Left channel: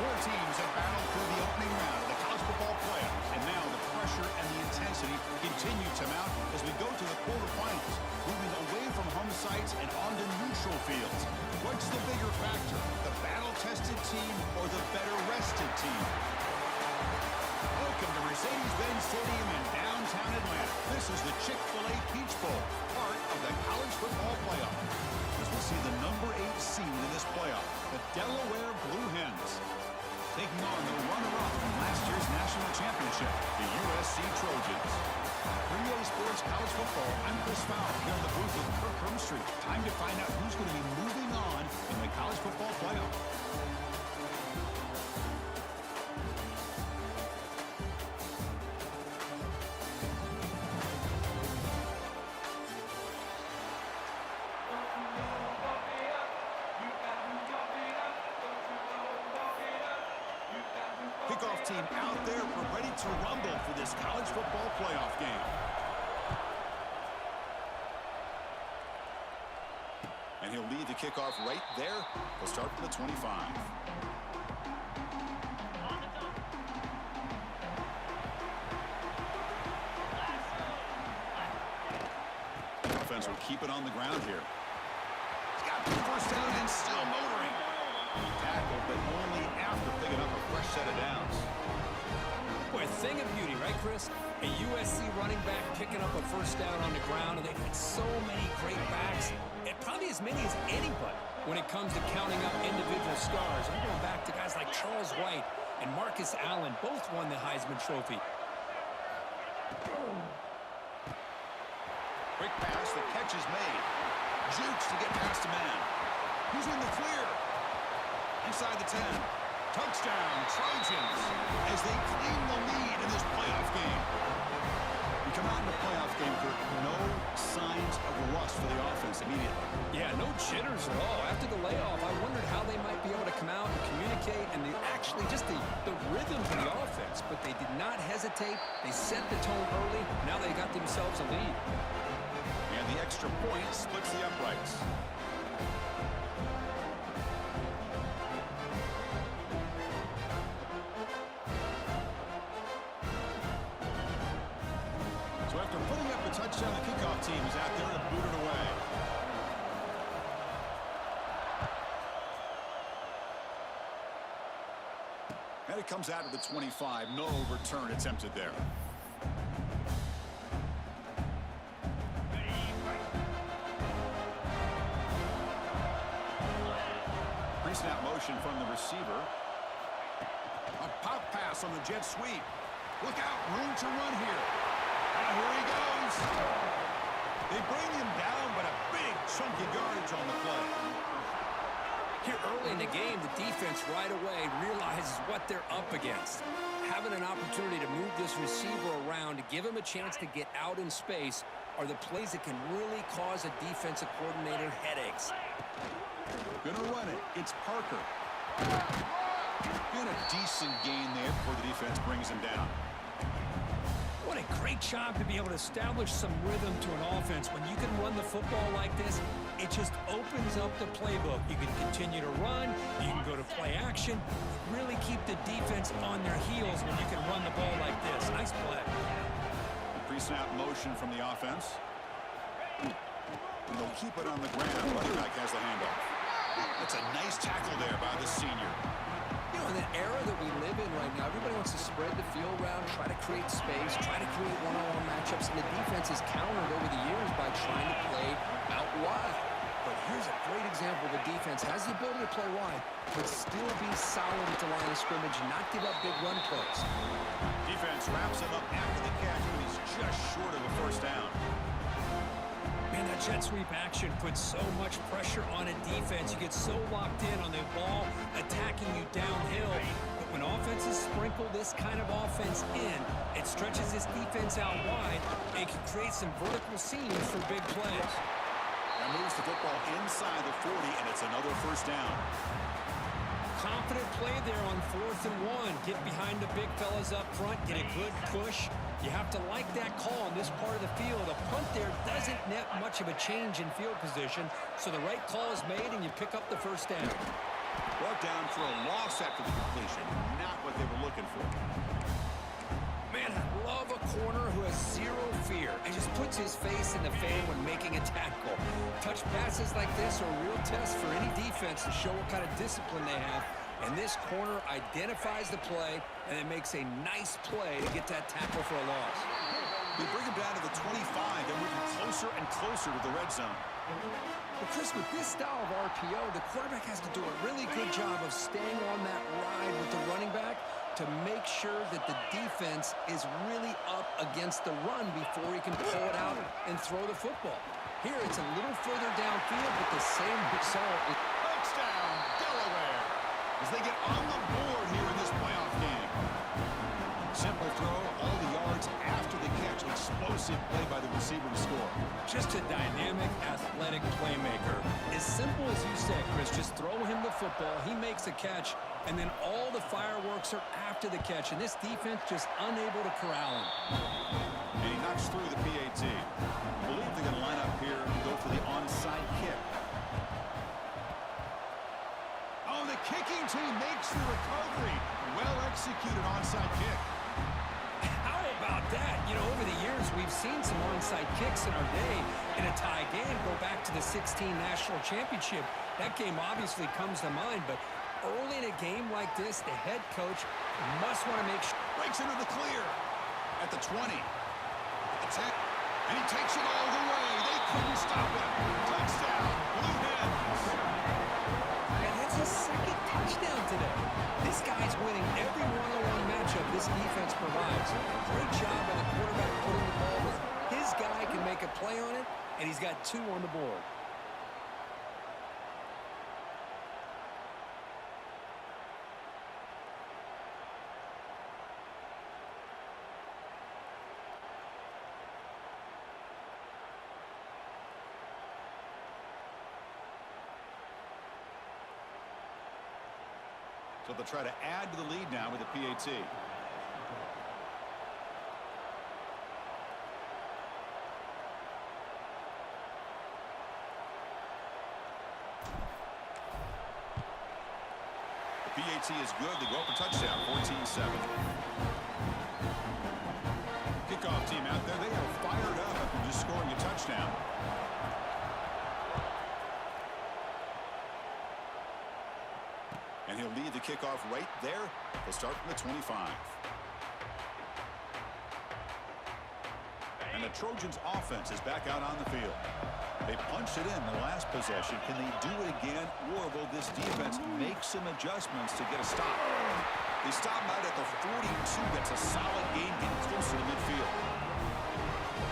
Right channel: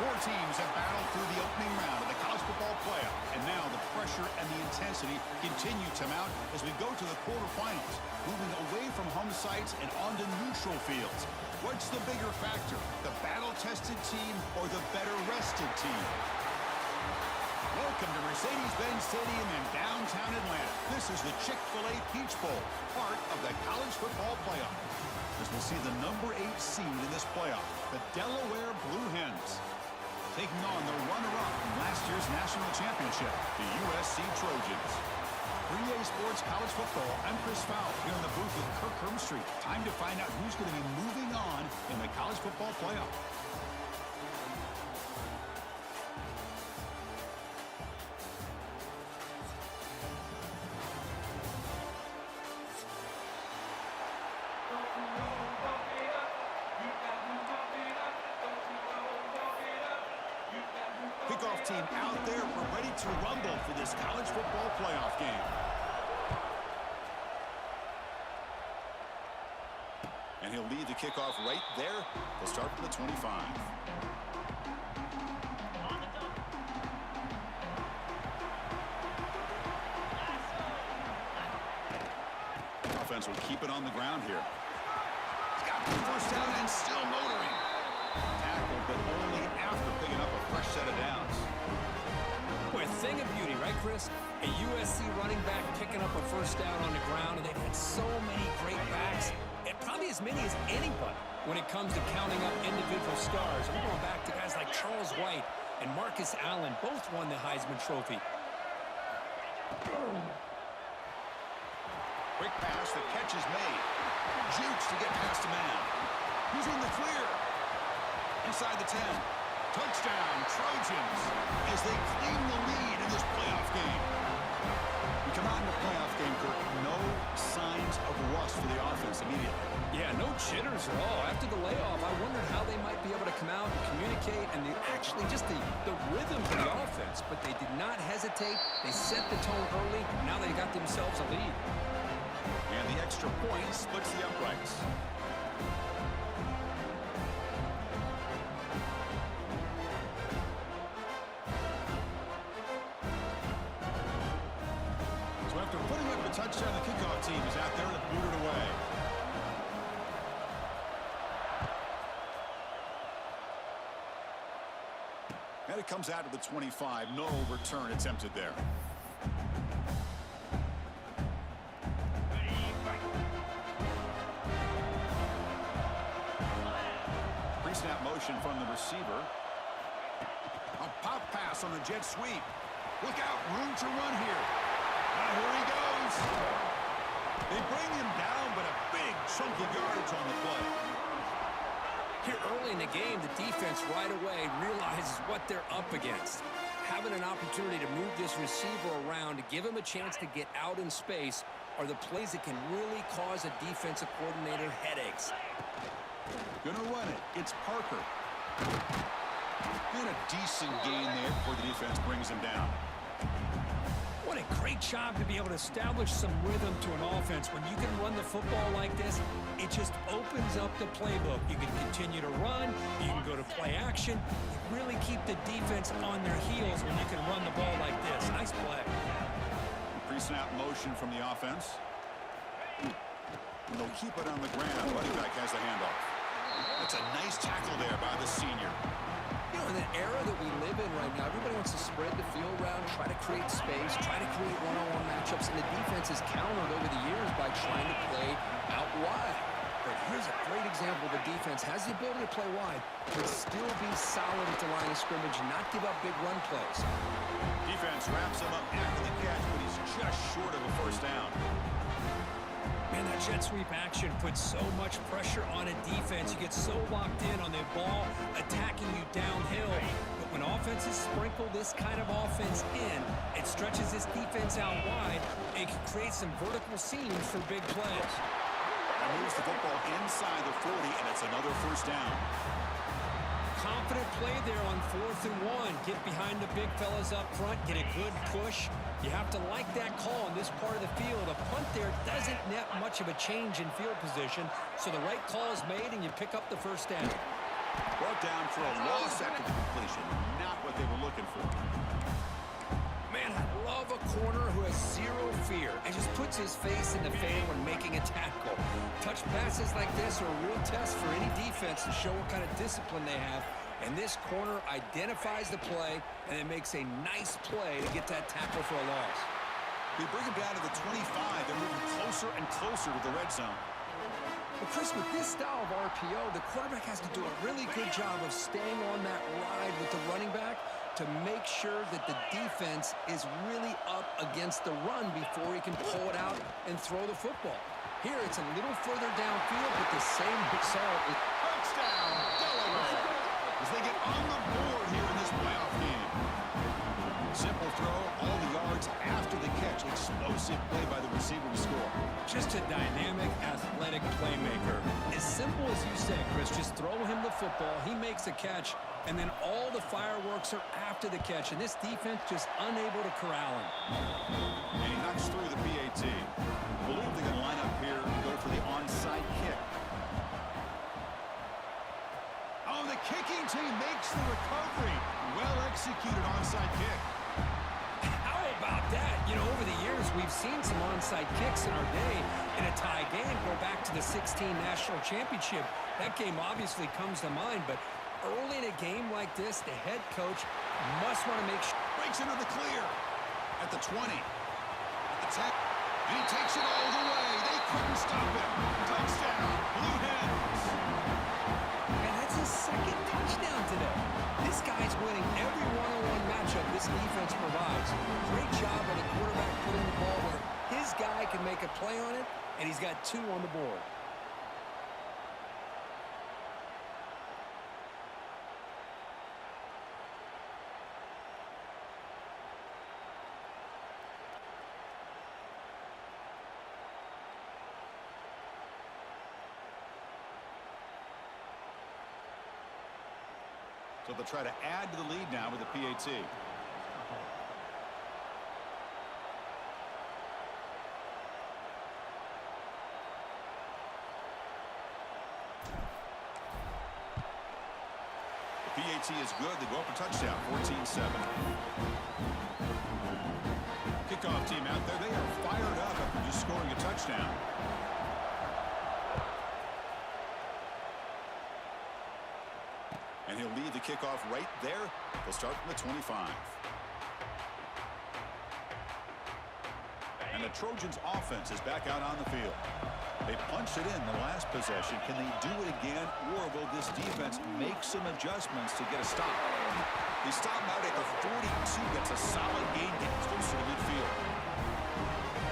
Four teams have battled through the opening round of the college football playoff, and now the pressure and the intensity continue to mount as we go to the quarterfinals, moving away from home sites and onto neutral fields. What's the bigger factor, the battle-tested team or the better-rested team? Welcome to Mercedes-Benz Stadium in downtown Atlanta. This is the Chick-fil-A Peach Bowl, part of the college football playoff. As we'll see the number 8 seed in this playoff, the Delaware Blue Hens, taking on the runner-up from last year's national championship, the USC Trojans. For EA Sports College Football, I'm Chris Fowler here in the booth with Kirk Hermstreet. Time to find out who's going to be moving on in the college football playoff. Kickoff team out there. We're ready to rumble for this college football playoff game. And he'll lead the kickoff right there. He'll start from the 25. Offense will keep it on the ground here. He's got the first down and still motoring. Tackle, but only after picking up a fresh set of downs. Boy, a thing of beauty, right, Chris? A USC running back picking up a first down on the ground, and they've had so many great backs, and probably as many as anybody when it comes to counting up individual stars. I'm going back to guys like Charles White and Marcus Allen, both won the Heisman Trophy. Quick pass, the catch is made. Jukes to get past a man. He's in the clear. Inside the 10. Touchdown, Trojans, as they claim the lead in this playoff game. You come out in the playoff game, Kirk, no signs of rust for the offense immediately. Yeah, no jitters at all. After the layoff, I wondered how they might be able to come out and communicate and actually just the rhythm for the offense. But they did not hesitate. They set the tone early. Now they got themselves a lead. And the extra point splits the uprights. So after putting up a touchdown, the kickoff team is out there to boot it away. And it comes out of the 25. No return attempted there. Pre-snap motion from the receiver. A pop pass on the jet sweep. Look out, room to run here. Here he goes. They bring him down, but a big chunky yardage on the play. Here early in the game, the defense right away realizes what they're up against. Having an opportunity to move this receiver around to give him a chance to get out in space are the plays that can really cause a defensive coordinator headaches. Gonna run it. It's Parker. And a decent gain there before the defense brings him down. What a great job to be able to establish some rhythm to an offense. When you can run the football like this, it just opens up the playbook. You can continue to run. You can go to play action. You really keep the defense on their heels when you can run the ball like this. Nice play. Pre-snap motion from the offense. And they'll keep it on the ground. Running back has the handoff. That's a nice tackle there by the senior. You know, in the era that we live in right now, everybody wants to spread the field around, try to create space, try to create one-on-one matchups, and the defense has countered over the years by trying to play out wide. But here's a great example. The defense has the ability to play wide, but still be solid at the line of scrimmage and not give up big run plays. Defense wraps him up after the catch, but he's just short of a first down. Man, that jet sweep action puts so much pressure on a defense. You get so locked in on the ball attacking you downhill. But when offenses sprinkle this kind of offense in, it stretches this defense out wide and can create some vertical seams for big plays. That moves the football inside the 40, and it's another first down. Confident play there on 4th and 1. Get behind the big fellas up front, get a good push. You have to like that call on this part of the field. A punt there doesn't net much of a change in field position, so the right call is made and you pick up the first down. Brought down for a loss after the completion. Not what they were looking for. Man, I love a corner who has zero fear and just puts his face in the fan when making a tackle. Touch passes like this are a real test for any defense to show what kind of discipline they have. And this corner identifies the play and then makes a nice play to get that tackle for a loss. We bring him down to the 25 and moving closer and closer to the red zone. Well, Chris, with this style of RPO, the quarterback has to do a really good job of staying on that ride with the running back to make sure that the defense is really up against the run before he can pull it out and throw the football. Here, it's a little further downfield, but the same result. Touchdown, Delaware, as they get on the board here in this playoff game. Simple throw, all the yards after the catch. Explosive play by the receiver to score. Just a dynamic, athletic playmaker. As simple as you said, Chris, just throw him the football, he makes a catch, and then all the fireworks are after the catch, and this defense just unable to corral him. And he knocks through the PAT. I believe they're going to line up here and go for the onside kick. Oh, the kicking team makes the recovery. Well executed onside kick. How about that? You know, over the years, we've seen some onside kicks in our day in a tie game. Go back to the 16 National Championship. That game obviously comes to mind, but early in a game like this, the head coach must want to make sure. Breaks into the clear at the 20, at the 10, and he takes it all the way. They couldn't stop him. Touchdown, Blue Hens. And that's his second touchdown today. This guy's winning every one-on-one matchup this defense provides. Great job by the quarterback putting the ball where his guy can make a play on it, and he's got 2 on the board. So they'll try to add to the lead now with the PAT. The PAT is good. They go up for touchdown, 14-7. Kickoff team out there. They are fired up after just scoring a touchdown. And he'll lead the kickoff right there. They'll start from the 25. And the Trojans offense is back out on the field. They punched it in the last possession. Can they do it again, or will this defense make some adjustments to get a stop? They stop out at the 42. That's a solid gain, getting closer to midfield.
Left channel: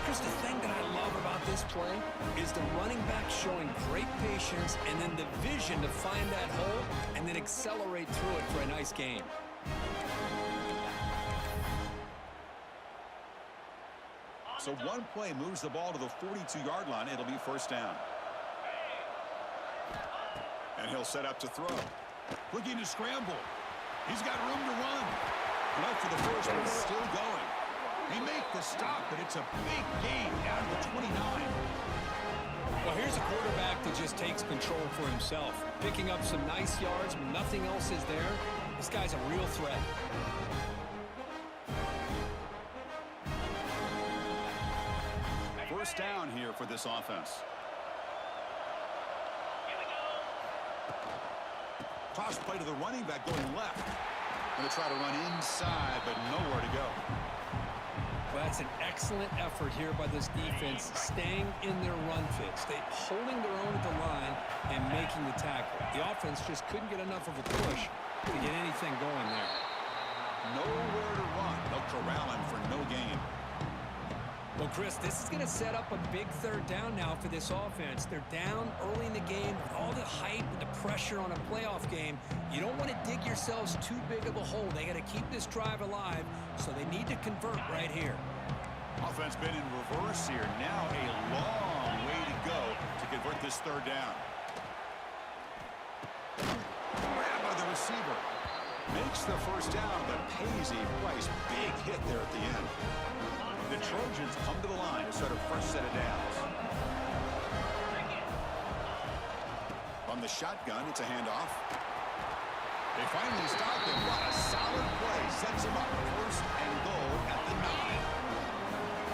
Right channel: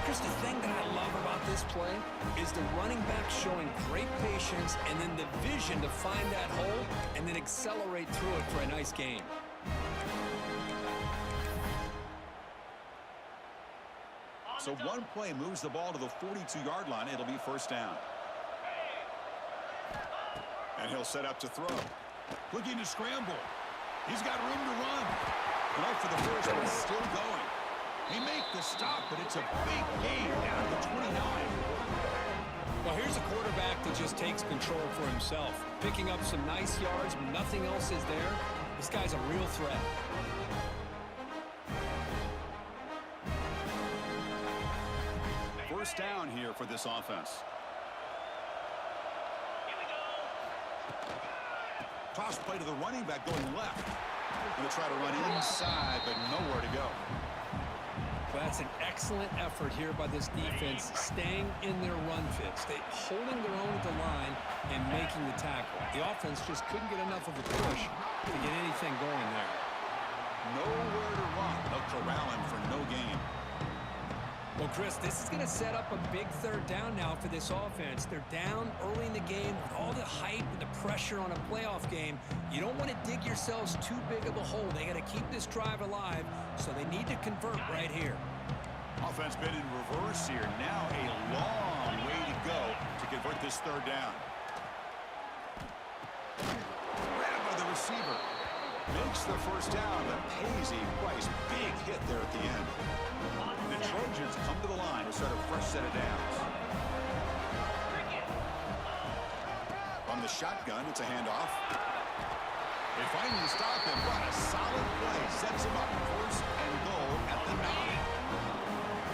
Chris, the thing that I love about this play is the running back showing great patience and then the vision to find that hole and then accelerate through it for a nice gain. So one play moves the ball to the 42-yard line. It'll be first down. And he'll set up to throw. Looking to scramble. He's got room to run. And up for the first, but it's still going. He make the stop, but it's a big gain down to the 29. Well, here's a quarterback that just takes control for himself, picking up some nice yards when nothing else is there. This guy's a real threat. First down here for this offense. Here we go. Toss play to the running back going left. Going to try to run inside, but nowhere to go. Well, that's an excellent effort here by this defense, staying in their run fits. They holding their own at the line and making the tackle. The offense just couldn't get enough of a push to get anything going there. Nowhere to run. They'll corral him for no gain. Well, Chris, this is going to set up a big third down now for this offense. They're down early in the game with all the hype and the pressure on a playoff game. You don't want to dig yourselves too big of a hole. They got to keep this drive alive, so they need to convert right here. Offense been in reverse here. Now a long way to go to convert this third down. Grabbed by the receiver. Makes the first down, but pays a price. Big hit there at the end. The Trojans come to the line to start a fresh set of downs. From the shotgun, it's a handoff. They finally stop him. What a solid play. Sets him up. First and goal at the 9.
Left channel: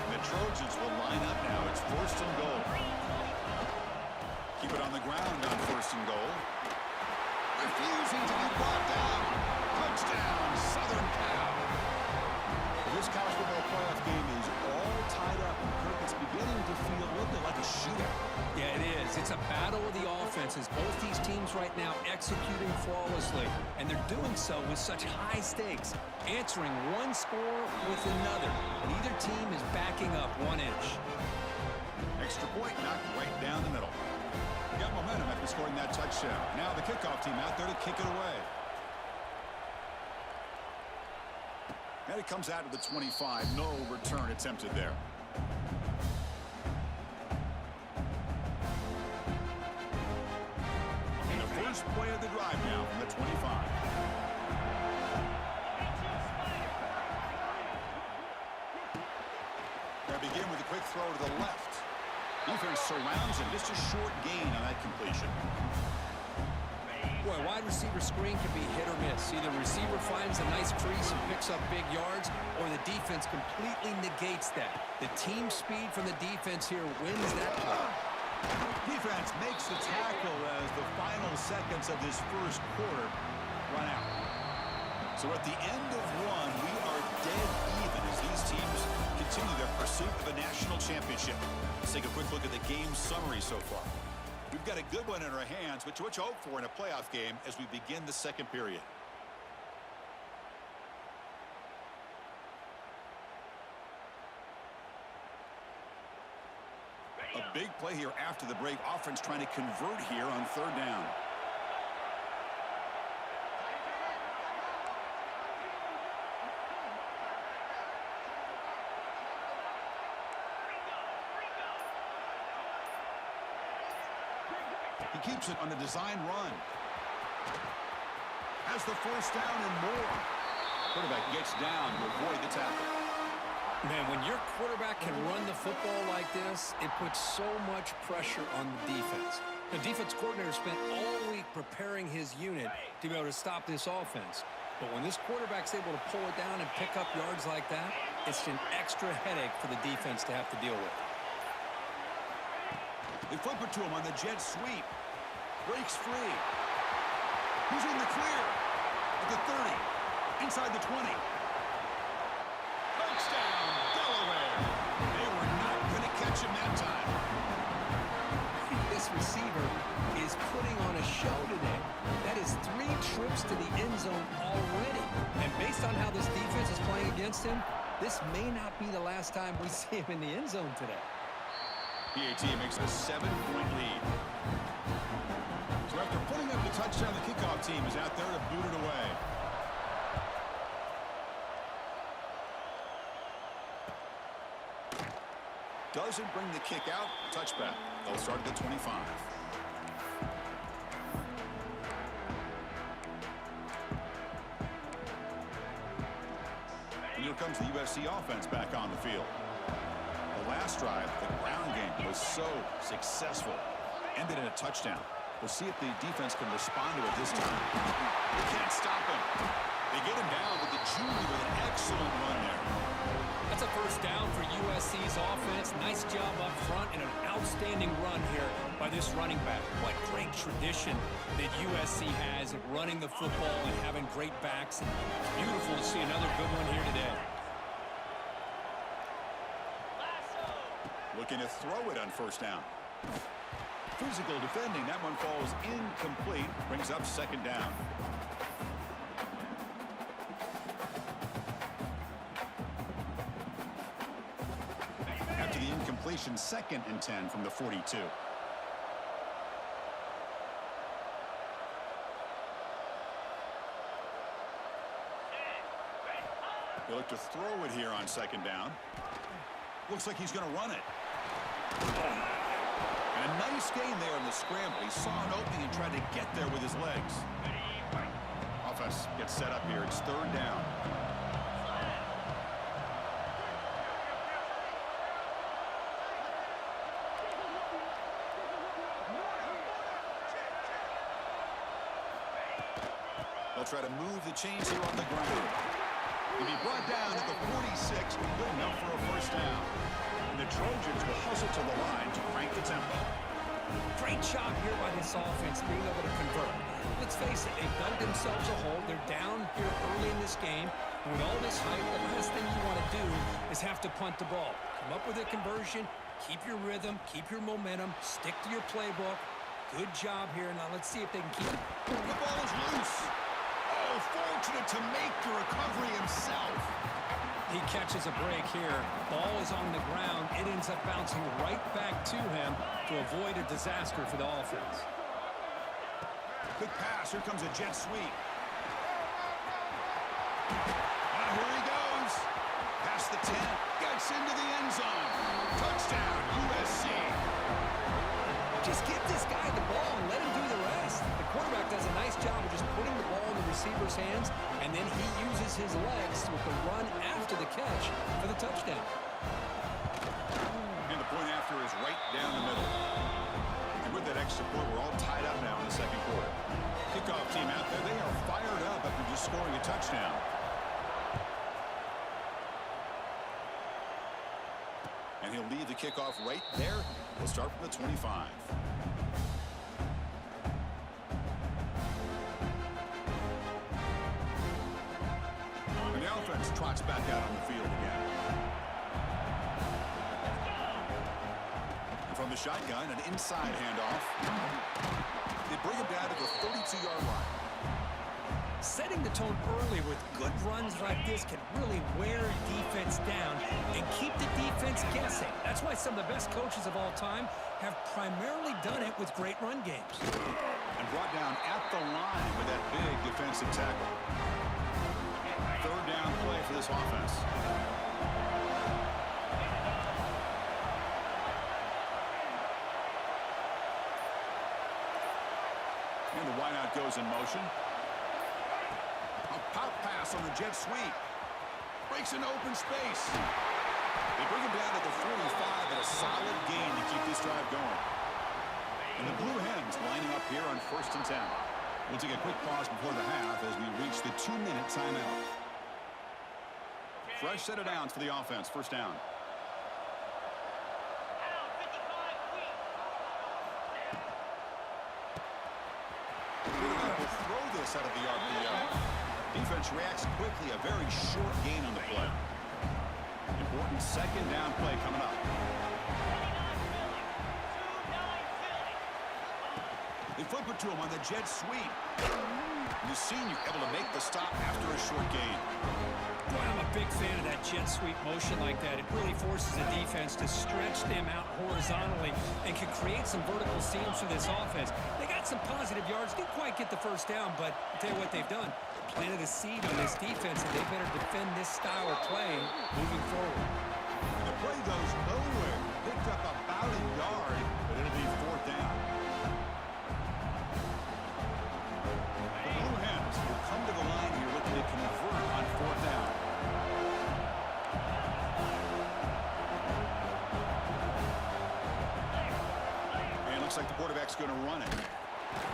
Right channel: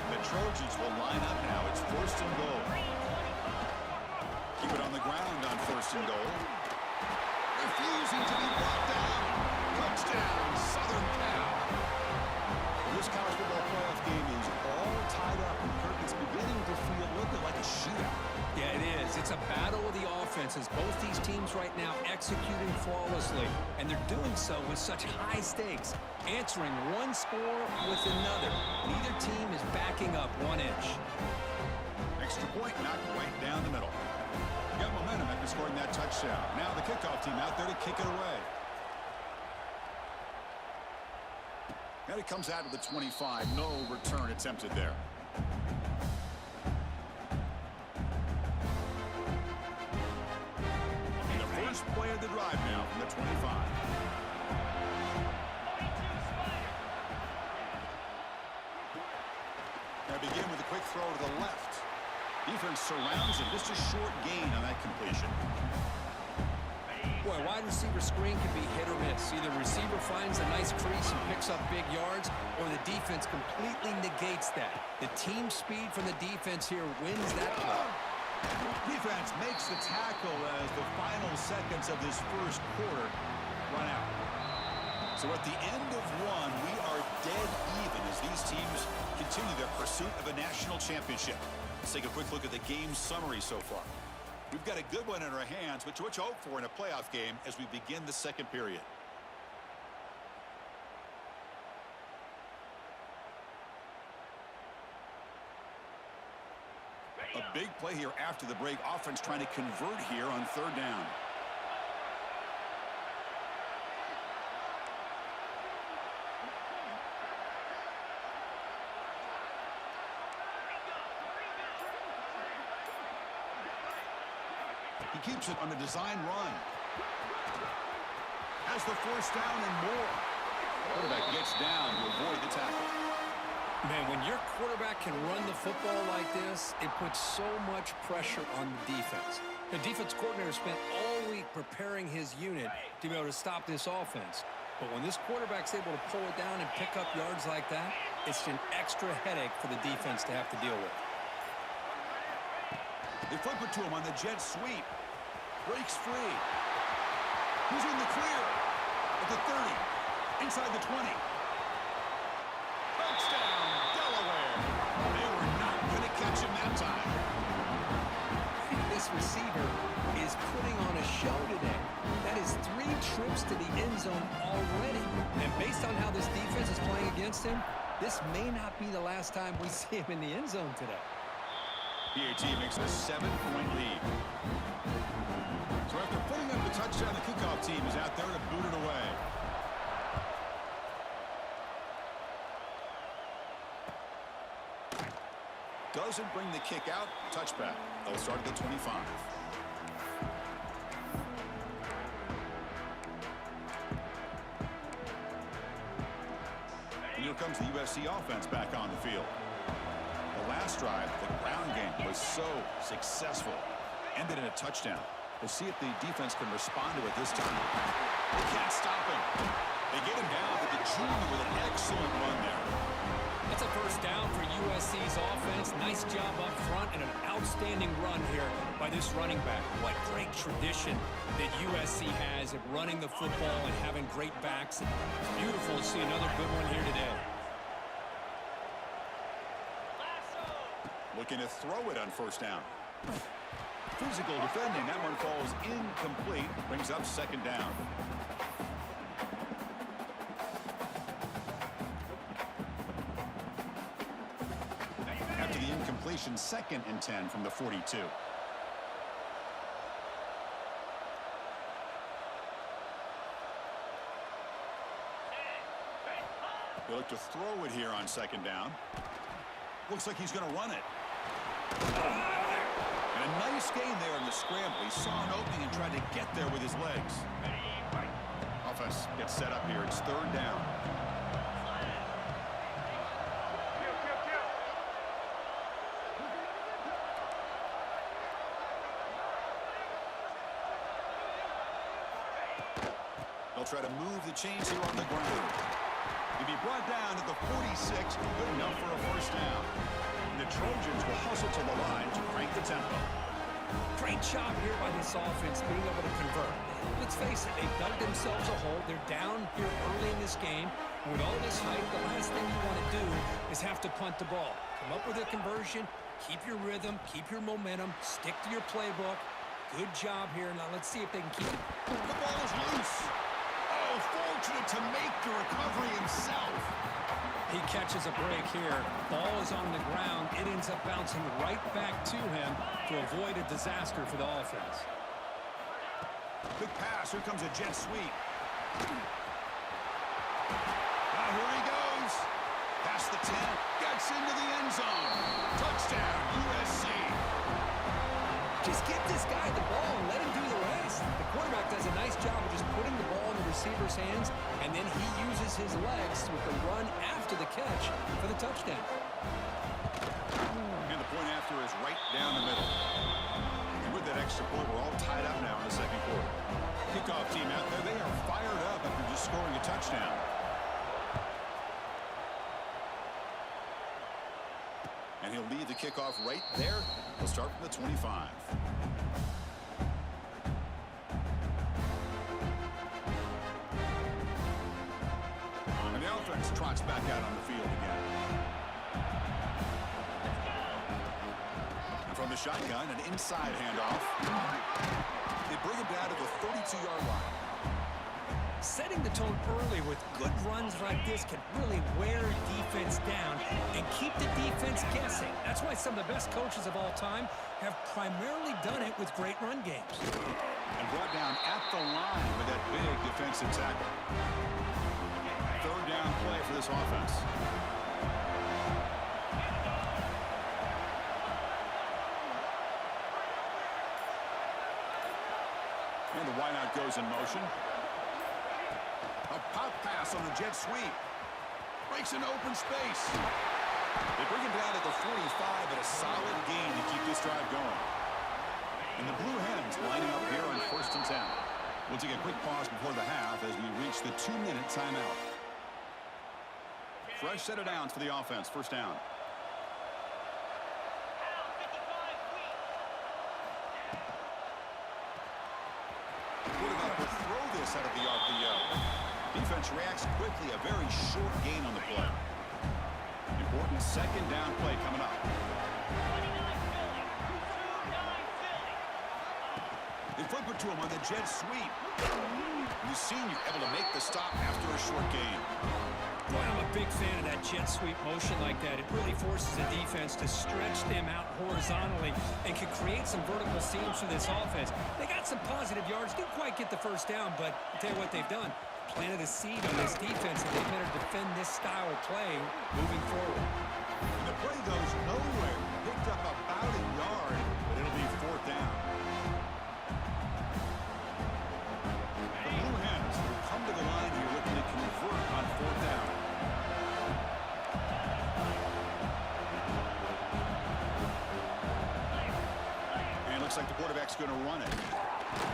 The Trojans will line up now. It's first and goal. Keep it on the ground on first and goal. Refusing to be brought down. Touchdown, Southern Cal. This college football playoff game is all tied up, and Kirk, it's beginning to feel a little bit like a shootout. Yeah, it is. It's a battle of the offenses. Both these teams right now executing flawlessly, and they're doing so with such high stakes, answering one score with another. Neither team is backing up 1 inch. Extra point knocked right down the middle. Got momentum after scoring that touchdown. Now the kickoff team out there to kick it away. And it comes out of the 25. No return attempted there. And the first play of the drive now from the 25. They begin with a quick throw to the left. Defense surrounds him. Just a short gain on that completion. Boy, wide receiver screen can be hit or miss. Either receiver finds a nice crease and picks up big yards, or the defense completely negates that. The team speed from the defense here wins that play. Defense makes the tackle as the final seconds of this first quarter run out. So at the end of one, we are dead even as these teams continue their pursuit of a national championship. Let's take a quick look at the game summary so far. We've got a good one in our hands, which you hope for in a playoff game as we begin the second period. A big play here after the break. Offense trying to convert here on third down. He keeps it on the design run. Has the first down and more. Quarterback gets down to avoid the tackle. Man, when your quarterback can run the football like this, it puts so much pressure on the defense. The defense coordinator spent all week preparing his unit to be able to stop this offense. But when this quarterback's able to pull it down and pick up yards like that, it's an extra headache for the defense to have to deal with. They flip it to him on the jet sweep. Breaks free. He's in the clear. At the 30. Inside the 20. Touchdown, Delaware. They were not going to catch him that time. This receiver is putting on a show today. That is 3 trips to the end zone already. And based on how this defense is playing against him, this may not be the last time we see him in the end zone today. PAT makes a 7-point lead. So after putting up the touchdown, the kickoff team is out there to boot it away. Doesn't bring the kick out. Touchback. They'll start at the 25. And here comes the USC offense back on the field. The last drive, the ground game was so successful. Ended in a touchdown. We'll see if the defense can respond to it this time. They can't stop him. They get him down, but the junior with an excellent run there. That's a first down for USC's offense. Nice job up front and an outstanding run here by this running back. What great tradition that USC has at running the football and having great backs. And it's beautiful to see another good one here today. Looking to throw it on first down. Physical defending. That one falls incomplete. Brings up second down. After the incompletion, 2nd and 10 from the 42. They look to throw it here on second down. Looks like he's going to run it. And a nice gain there in the scramble. He saw an opening and tried to get there with his legs. Offense gets set up here. It's third down. They'll try to move the chains here on the ground. He'll be brought down at the 46, good enough for a first down. And the Trojans will hustle to the line to crank the tempo. Great job here by this offense being able to convert. Let's face it, they've dug themselves a hole. They're down here early in this game. And with all this hype, the last thing you want to do is have to punt the ball. Come up with a conversion, keep your rhythm, keep your momentum, stick to your playbook. Good job here. Now let's see if they can keep it. The ball is loose. Oh, fortunate to make the recovery himself. He catches a break here. Ball is on the ground. It ends up bouncing right back to him to avoid a disaster for the offense. Quick pass. Here comes a jet sweep. Here he goes. Past the 10. Gets into the end zone. Touchdown, USC. Just give this guy the ball and let him do the rest. The quarterback does a nice job of just putting the ball in the receiver's hands, and then he uses his legs with the run after the catch for the touchdown. And the point after is right down the middle. And with that extra point, we're all tied up now in the second quarter. Kickoff team out there, they are fired up after just scoring a touchdown. And he'll lead the kickoff right there. We'll start from the 25. And the offense trots back out on the field again. And from the shotgun, an inside handoff. They bring him down to the 32-yard line. Setting the tone early with good runs like this can really wear defense down and keep the defense guessing. That's why some of the best coaches of all time have primarily done it with great run games. And brought down at the line with that big defensive tackle. Third down play for this offense. And the wideout goes in motion. A pop pass on the jet sweep. Breaks into open space. They bring him down to the 45 at a solid gain to keep this drive going. And the Blue Hens lining up here on 1st and 10. We'll take a quick pause before the half as we reach the 2-minute timeout. Fresh set of downs for the offense. First down. Quarterback will throw this out of the RPO. Defense reacts quickly. A very short gain on the play. Important second down play coming up. They flip it to him on the jet sweep. The senior able to make the stop after a short gain. Boy, I'm a big fan of that jet sweep motion like that. It really forces the defense to stretch them out horizontally and can create some vertical seams for this offense. They got some positive yards. Didn't quite get the first down, but I'll tell you what they've done. Planted a seed on this defense, and they better defend this style of play moving forward. And the play goes nowhere. Picked up about a yard, but it'll be fourth down. The Blue Hens will come to the line here looking to convert on fourth down. And it looks like the quarterback's going to run it.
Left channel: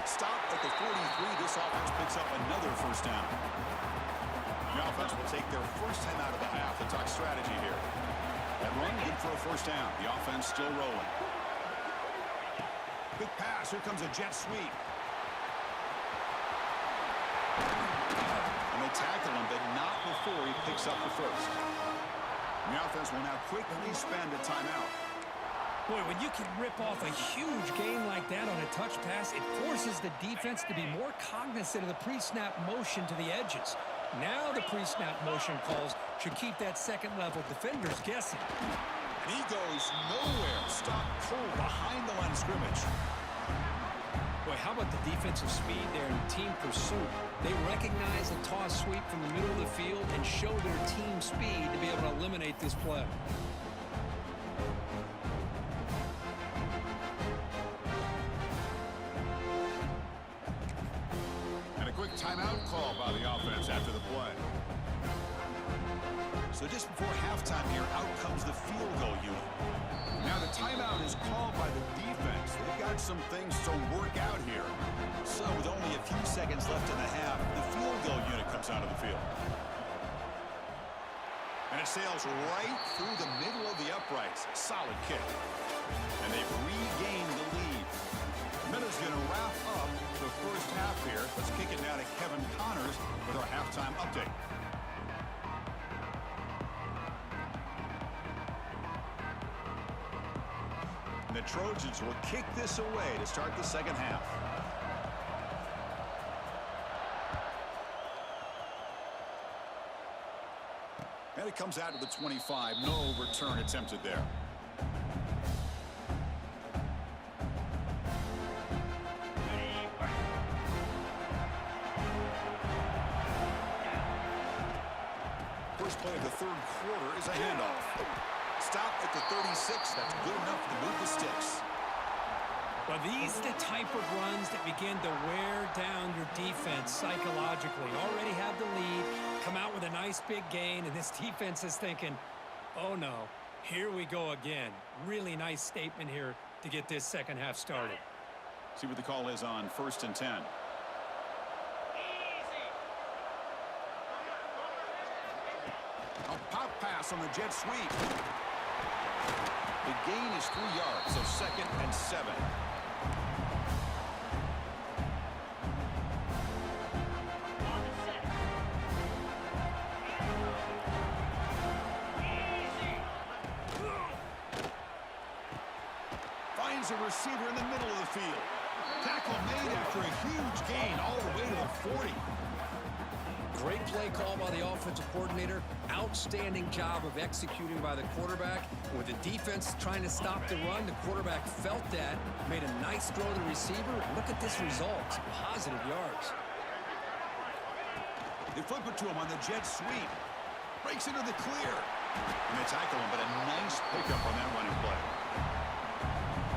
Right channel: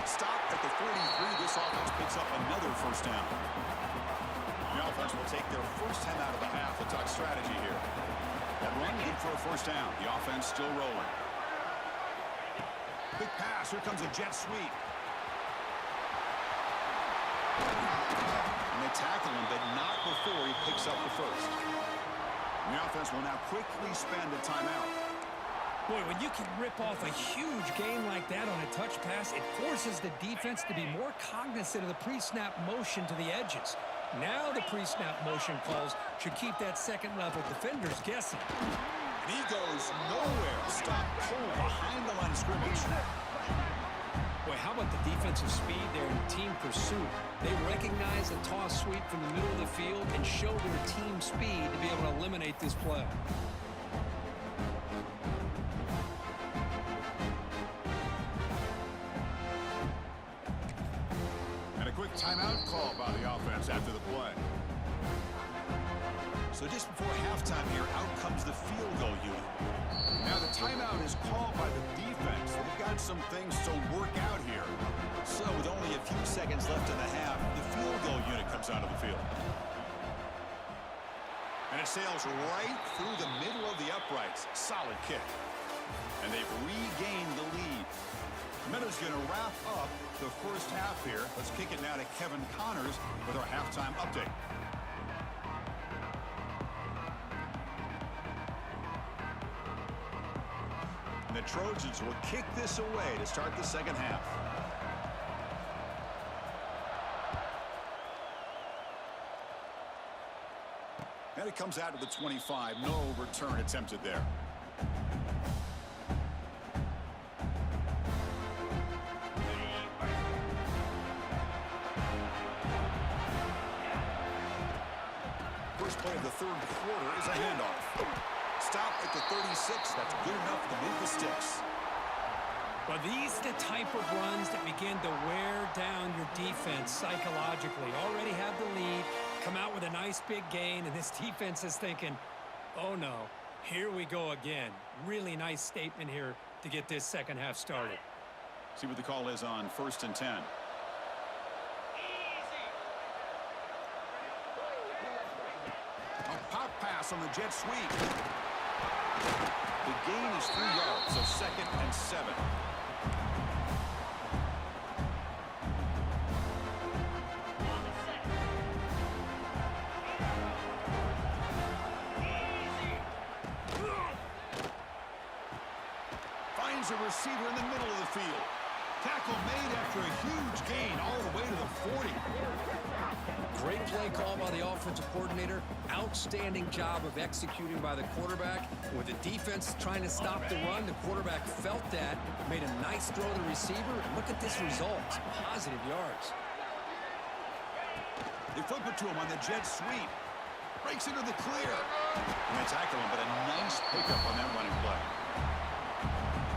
Stop at the 43. This offense picks up another first down. The offense will take their first time out of the half to talk strategy here. That run good for a first down. The offense still rolling. Big pass. Here comes a jet sweep. And they tackle him, but not before he picks up the first. And the offense will now quickly spend a timeout. Boy, when you can rip off a huge gain like that on a touch pass, it forces the defense to be more cognizant of the pre-snap motion to the edges. Now the pre-snap motion calls should keep that second-level defenders guessing. And he goes nowhere. Stop cold behind the line of scrimmage. Boy, how about the defensive speed there in team pursuit? They recognize a toss sweep from the middle of the field and show their team speed to be able to eliminate this play. Quick timeout call by the offense after the play. So just before halftime here, out comes the field goal unit. Now the timeout is called by the defense. They've got some things to work out here. So with only a few seconds left in the half, the field goal unit comes out of the field. And it sails right through the middle of the uprights. Solid kick. And they've regained the lead. Meadows going to wrap up the first half here. Let's kick it now to Kevin Connors with our halftime update. And the Trojans will kick this away to start the second half. And it comes out to the 25. No return attempted there. First play of the third quarter is a handoff. Stop at the 36. That's good enough to move the sticks. Well, these are the type of runs that begin to wear down your defense psychologically. Already have the lead, come out with a nice big gain, and this defense is thinking, oh no, here we go again. Really nice statement here to get this second half started. See what the call is on 1st and 10. A pop pass on the jet sweep. The gain is 3 yards, so 2nd and 7. On the set. Easy. Finds a receiver in the middle of the field. Tackle made after a huge gain all the way to the 40. Great play call by the offensive coordinator. Outstanding job of executing by the quarterback. With the defense trying to stop the run, the quarterback felt that, made a nice throw to the receiver, and look at this result. Positive yards. They flip it to him on the jet sweep. Breaks into the clear. And they tackle him, but a nice pickup on that running play.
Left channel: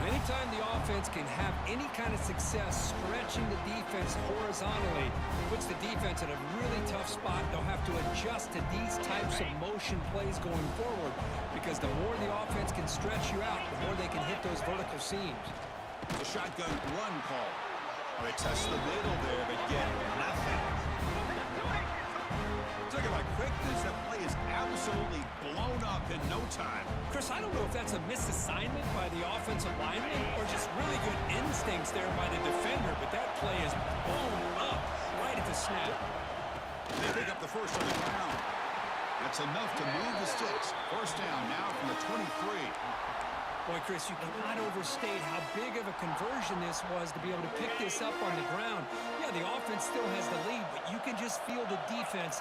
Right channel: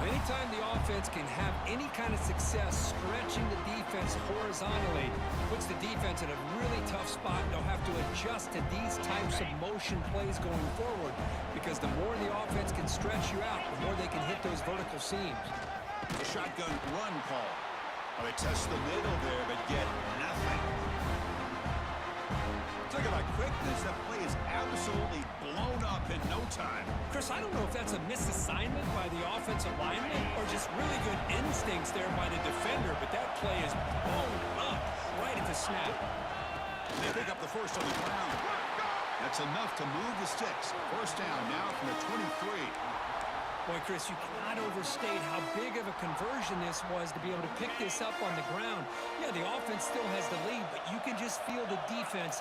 Anytime the offense can have any kind of success stretching the defense horizontally, puts the defense in a really tough spot. They'll have to adjust to these types of motion plays going forward, because the more the offense can stretch you out, the more they can hit those vertical seams. The shotgun run call. Well, they test the middle there, but get nothing. Talk about quickness. That play is absolutely blown up in no time. Chris, I don't know if that's a misassignment by the offensive lineman or just really good instincts there by the defender, but that play is blown up right at the snap. They pick up the first on the ground. That's enough to move the sticks. First down now from the 23. Boy, Chris, you cannot overstate how big of a conversion this was to be able to pick this up on the ground. Yeah, the offense still has the lead, but you can just feel the defense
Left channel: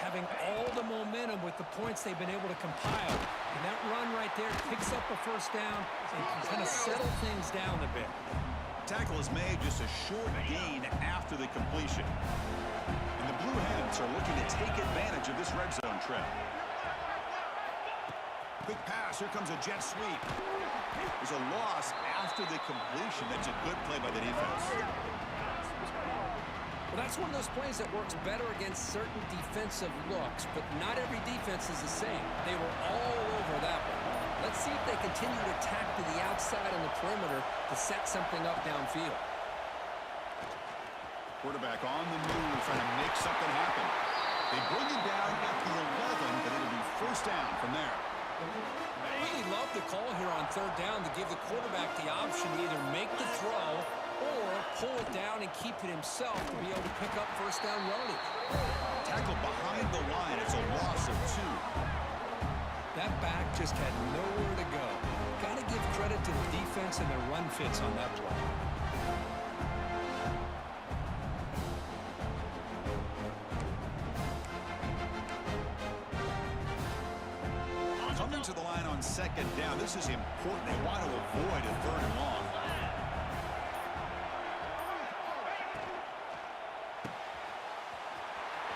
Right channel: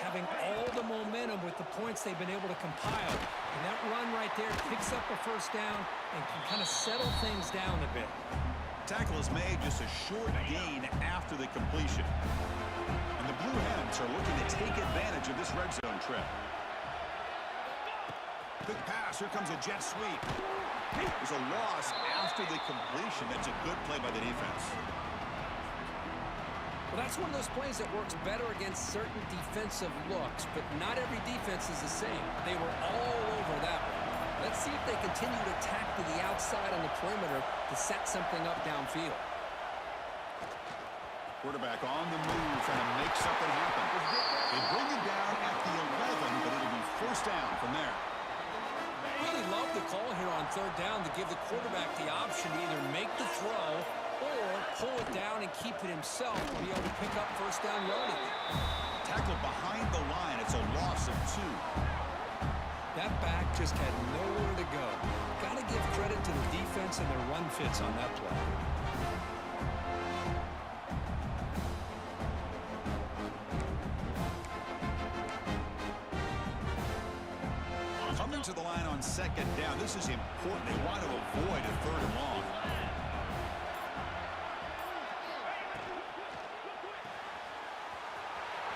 having all the momentum with the points they've been able to compile. And that run right there picks up a first down and can kind of settle things down a bit. Tackle is made just a short gain after the completion. And the Blue Hens are looking to take advantage of this red zone trip. Quick pass. Here comes a jet sweep. There's a loss after the completion. That's a good play by the defense. Well, that's one of those plays that works better against certain defensive looks, but not every defense is the same. They were all over that one. Let's see if they continue to tack to the outside on the perimeter to set something up downfield. Quarterback on the move, trying to make something happen. They bring him down at the 11, but it'll be first down from there. Really love the call here on third down to give the quarterback the option to either make the throw or pull it down and keep it himself to be able to pick up first down yardage. Tackled behind the line. It's a loss of 2. That back just had nowhere to go. Got to give credit to the defense and their run fits on that play. Coming to the line on second down. This is important. They want to avoid a third and long.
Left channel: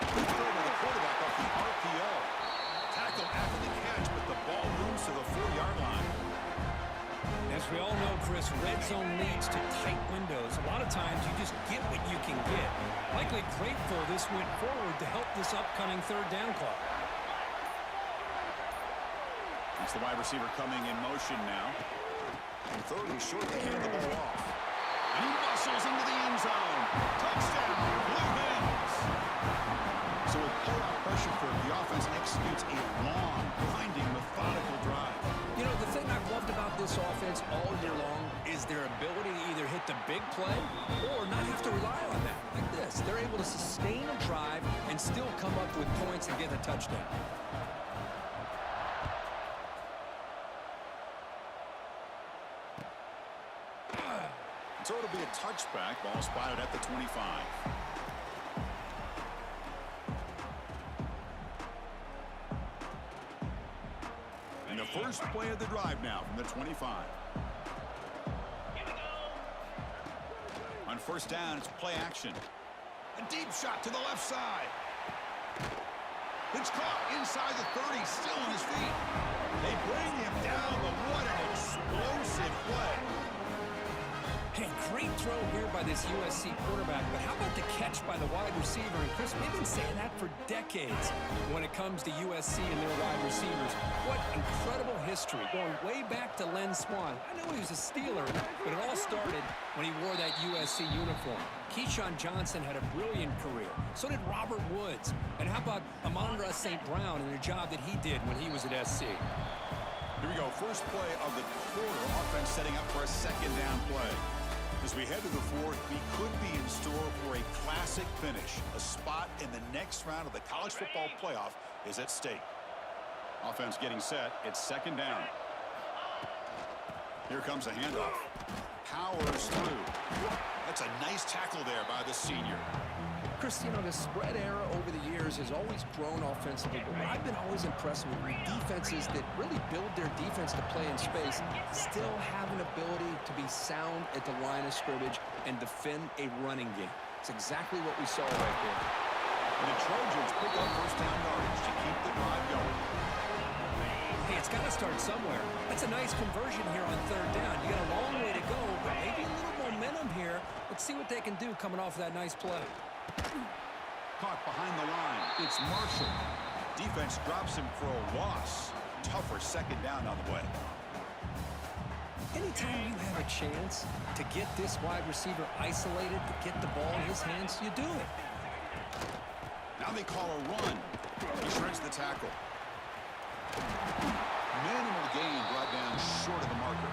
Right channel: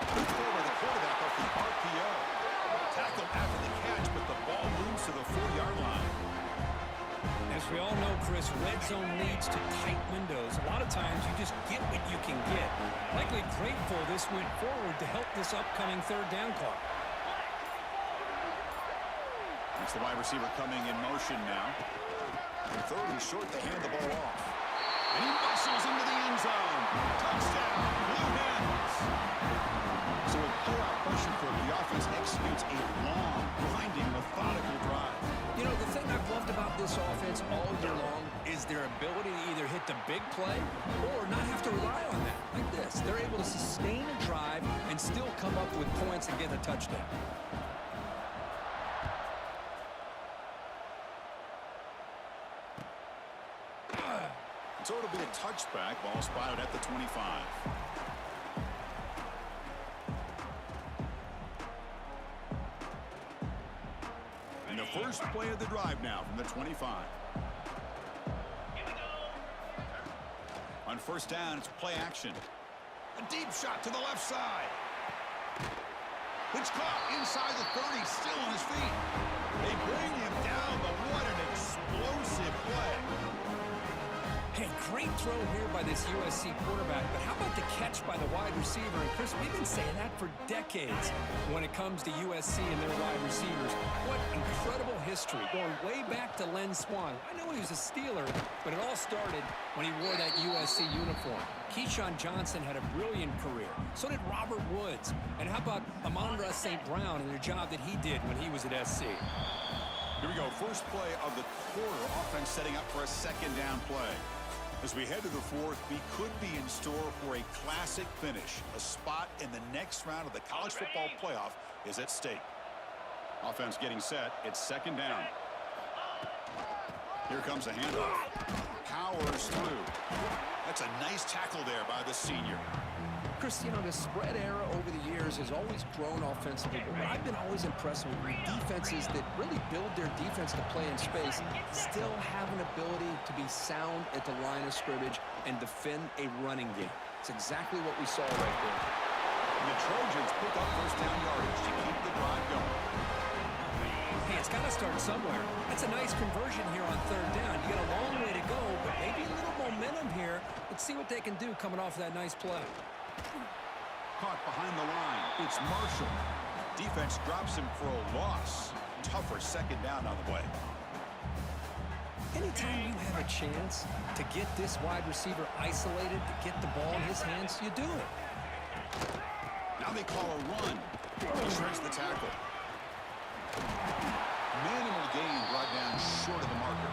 Good throw by the quarterback off the RPO. Tackled after the catch, but the ball moves to the 4-yard line. As we all know, Chris, red zone leads to tight windows. A lot of times you just get what you can get. Likely grateful this went forward to help this upcoming third down clock. That's the wide receiver coming in motion now. And third and short, they hand the ball off. And he muscles into the end zone. Touchdown, Blue Hens. So with pull-out pressure curve, the offense executes a long, grinding, methodical drive. You know, the thing I've loved about this offense all year long is their ability to either hit the big play or not have to rely on that. Like this. They're able to sustain a drive and still come up with points and get a touchdown. So it'll be a touchback. Ball spotted at the 25. And the first play of the drive now from the 25. Here we go. On first down, it's play action. A deep shot to the left side. It's caught inside the 30, still on his feet. They bring him down, but what an explosive play. Hey, great throw here by this USC quarterback, but how about the catch by the wide receiver? And Chris, we've been saying that for decades when it comes to USC and their wide receivers. What incredible history, going way back to Len Swan. I know he was a Steeler, but it all started when he wore that USC uniform. Keyshawn Johnson had a brilliant career. So did Robert Woods. And how about Amon-Ra St. Brown and the job that he did when he was at SC? Here we go, first play of the quarter. Offense setting up for a second down play. As we head to the fourth, we could be in store for a classic finish. A spot in the next round of the college football playoff is at stake. Offense getting set. It's second down. Here comes a handoff. Powers through. That's a nice tackle there by the senior. Chris, you know, the spread era over the years has always grown offensively, but what I've been always impressed with defenses that really build their defense to play in space still have an ability to be sound at the line of scrimmage and defend a running game. It's exactly what we saw right there. And the Trojans pick up first down yardage to keep the drive going. Hey, it's got to start somewhere. That's a nice conversion here on third down. You got a long way to go, but maybe a little momentum here. Let's see what they can do coming off of that nice play. Caught behind the line. It's Marshall. Defense drops him for a loss. Tougher second down on the way. Anytime you have a chance to get this wide receiver isolated, to get the ball in his hands, you do it. Now they call a run. He shreds the tackle. Minimal gain brought down short of the marker.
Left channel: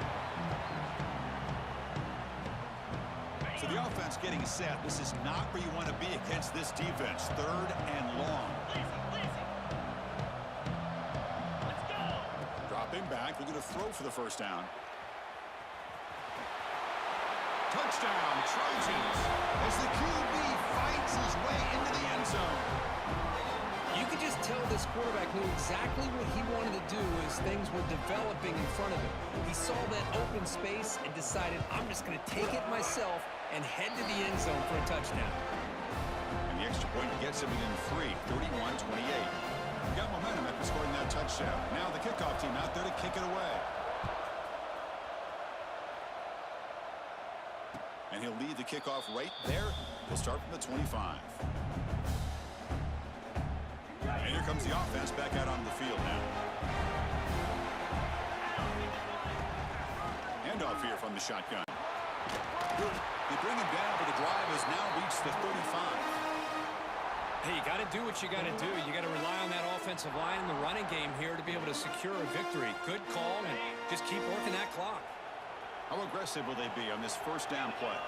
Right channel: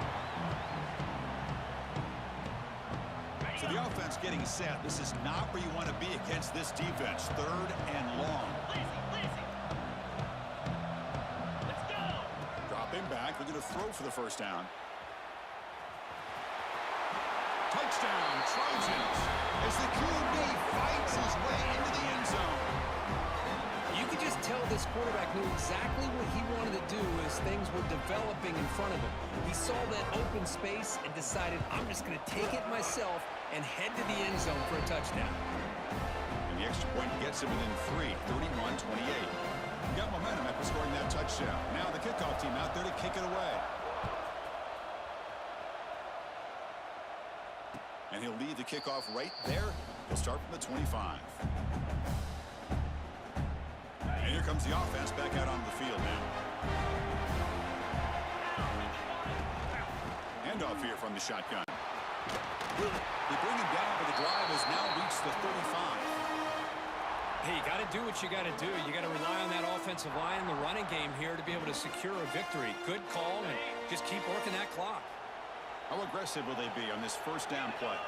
So the offense getting set. This is not where you want to be against this defense. Third and long. Let's go. Dropping back. They're going to throw for the first down. Touchdown, Trojans, as the QB fights his way into the end zone. You could just tell this quarterback knew exactly what he wanted to do as things were developing in front of him. He saw that open space and decided, I'm just going to take it myself and head to the end zone for a touchdown. And the extra point gets him within 3, 31-28. He got momentum after scoring that touchdown. Now the kickoff team out there to kick it away. And he'll lead the kickoff right there. He'll start from the 25. And here comes the offense back out onto the field now. Handoff here from the shotgun. They bring him down, but the drive has now reached the 35. Hey, you got to do what you got to do. You got to rely on that offensive line in the running game here to be able to secure a victory. Good call, and just keep working that clock. How aggressive will they be on this first down play?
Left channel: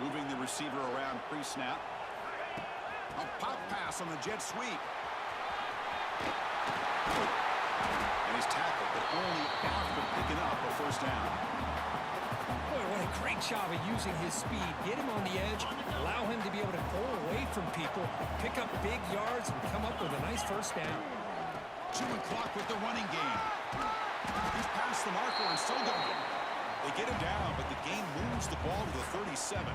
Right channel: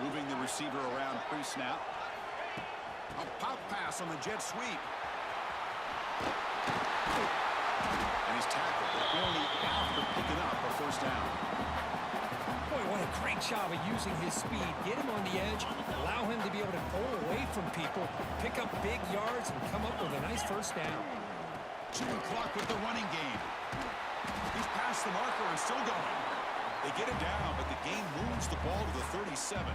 Moving the receiver around pre-snap. A pop pass on the jet sweep. And he's tackled, but only after picking up a first down. Boy, what a great job of using his speed. Get him on the edge, allow him to be able to pull away from people, pick up big yards, and come up with a nice first down. Chewing clock with the running game. He's past the marker and still going. They get him down, but the game moves the ball to the 37.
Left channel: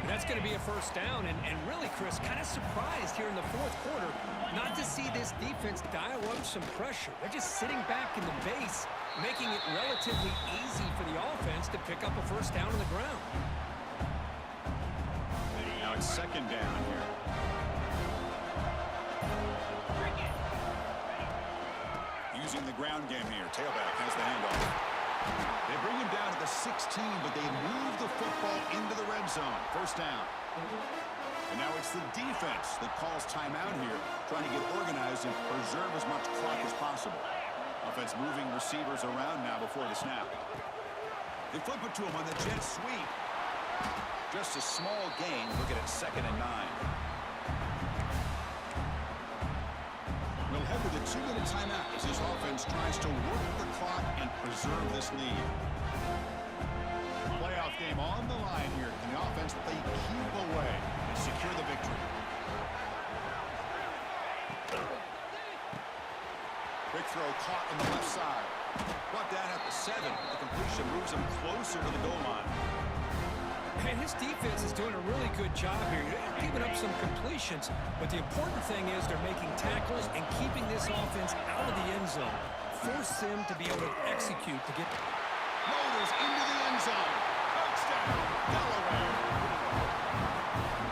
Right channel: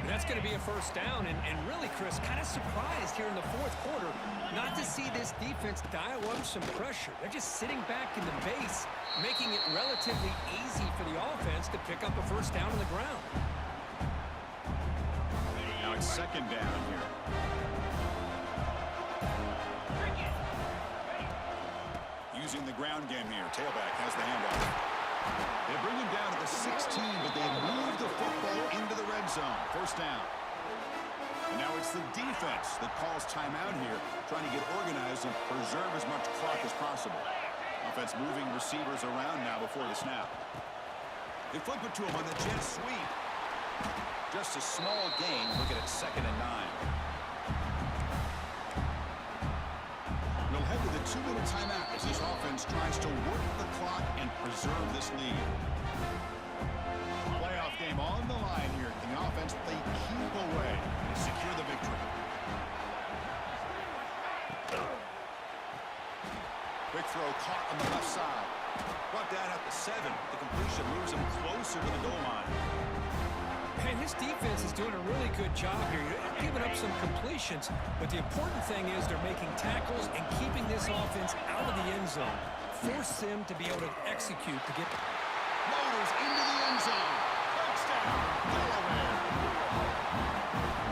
And that's going to be a first down. And really, Chris, kind of surprised here in the fourth quarter not to see this defense dial up some pressure. They're just sitting back in the base, making it relatively easy for the offense to pick up a first down on the ground. Now it's second down here. Using the ground game here. Tailback has the handoff. They bring him down to the 16, but they move the football into the zone. First down. And now it's the defense that calls timeout here, trying to get organized and preserve as much clock as possible. Offense moving receivers around now before the snap. They flip it to him on the jet sweep. Just a small gain. Looking at 2nd and 9. We'll head to the 2-minute timeout as this offense tries to work the clock and preserve this lead. Playoff game on the line here. Can the offense play keep away and secure the victory? Quick throw caught on the left side. Brought down at the 7. The completion moves him closer to the goal line. And his defense is doing a really good job here. You're giving up some completions, but the important thing is they're making tackles and keeping this offense out of the end zone. Force them to be able to execute to get... Motors into the end zone. Touchdown, Delaware.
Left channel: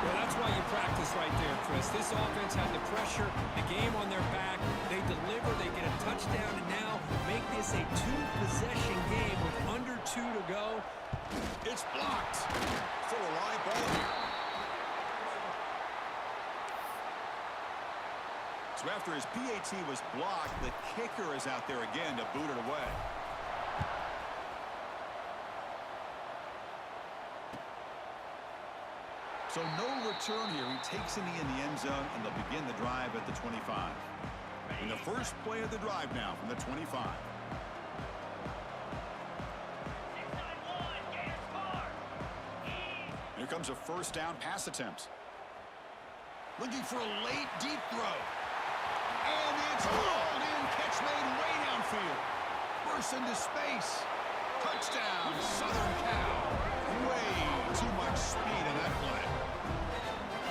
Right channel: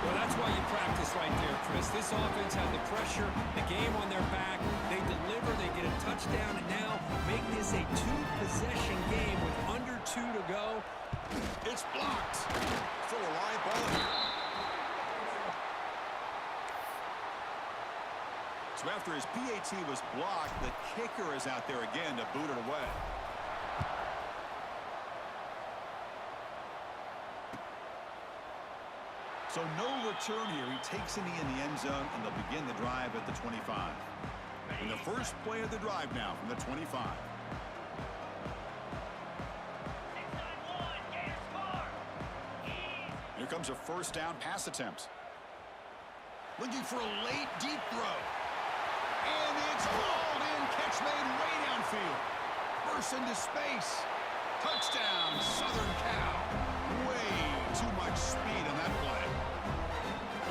Well, that's why you practice right there, Chris. This offense had the pressure, the game on their back. They deliver, they get a touchdown, and now make this a 2-possession game with under 2 to go. It's blocked. Still a live ball here. So after his PAT was blocked, the kicker is out there again to boot it away. So no return here. He takes it in the end zone, and they'll begin the drive at the 25. And the first play of the drive now from the 25. 6-9-1, Gators score. Here comes a first down pass attempt. Looking for a late deep throw. And it's hauled in. Catch made way downfield. Bursts into space. Touchdown, Southern Cal. Way too much speed in that play.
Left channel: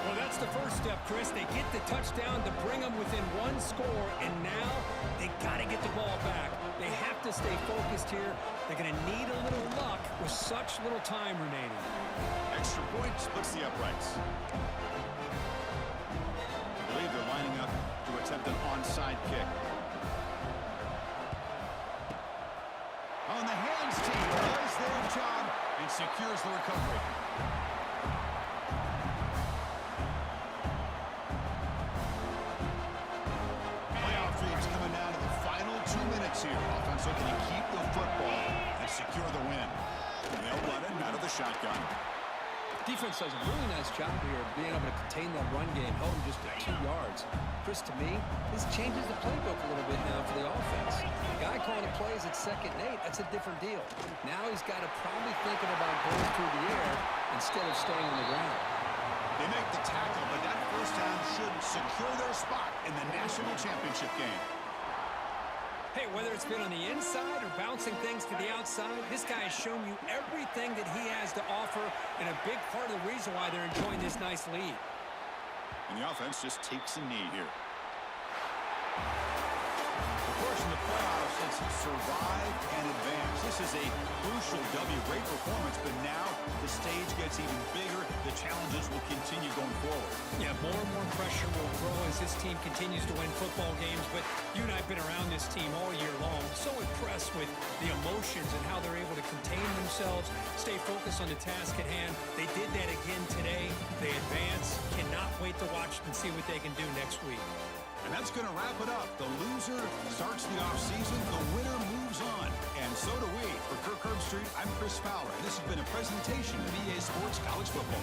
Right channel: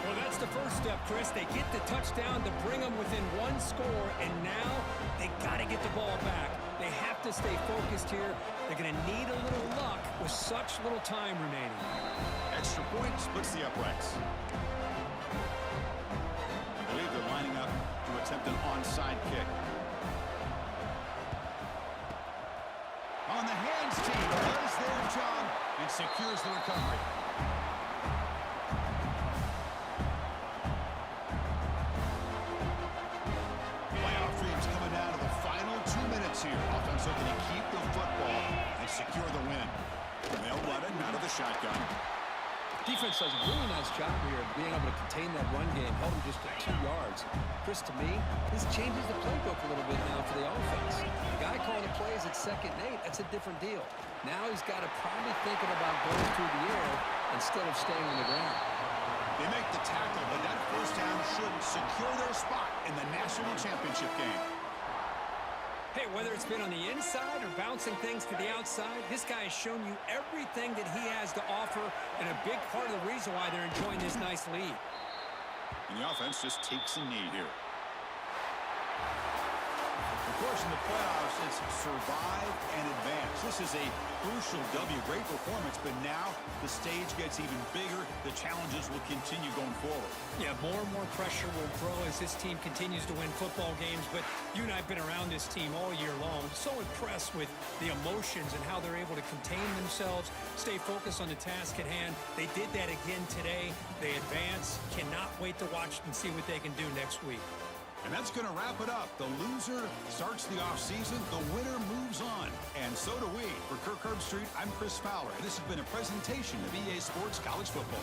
Well, that's the first step, Chris. They get the touchdown to bring them within 1 score, and now they got to get the ball back. They have to stay focused here. They're going to need a little luck with such little time remaining. Extra point splits the uprights. I believe they're lining up to attempt an onside kick. On the hands team does their job and secures the recovery. Playoff dreams coming down to the final 2 minutes here. Offense looking to keep the football and secure the win. And they'll run it out of the shotgun. Defense does a really nice job here of being able to contain that run game, held him just to 2 yards. Chris, to me, this changes the playbook a little bit now for the offense. The guy calling the plays at 2nd and 8, that's a different deal. Now he's got to probably thinking about going through the air instead of staying on the ground. They make the tackle, but that first down should secure their spot in the national championship game. Hey, whether it's been on the inside or bouncing things to the outside, this guy has shown you everything that he has to offer, and a big part of the reason why they're enjoying this nice lead. And the offense just takes a knee here. Of course, in the playoffs, it's survive and advance. This is a crucial W. Great performance, but now the stage gets even bigger. The challenges will continue going forward. Yeah, more and more pressure will grow as this team continues to win football games, but you and I have been around this team all year long. So impressed with the emotions and how they're able to contain themselves, stay focused on the task at hand. They did that again today. They advance. Cannot wait to watch and see what they can do next week. And that's going to wrap it up. The loser starts the offseason. The winner moves on. And so do we. For Kirk Herbstreit, I'm Chris Fowler. And this has been a presentation of EA Sports College Football.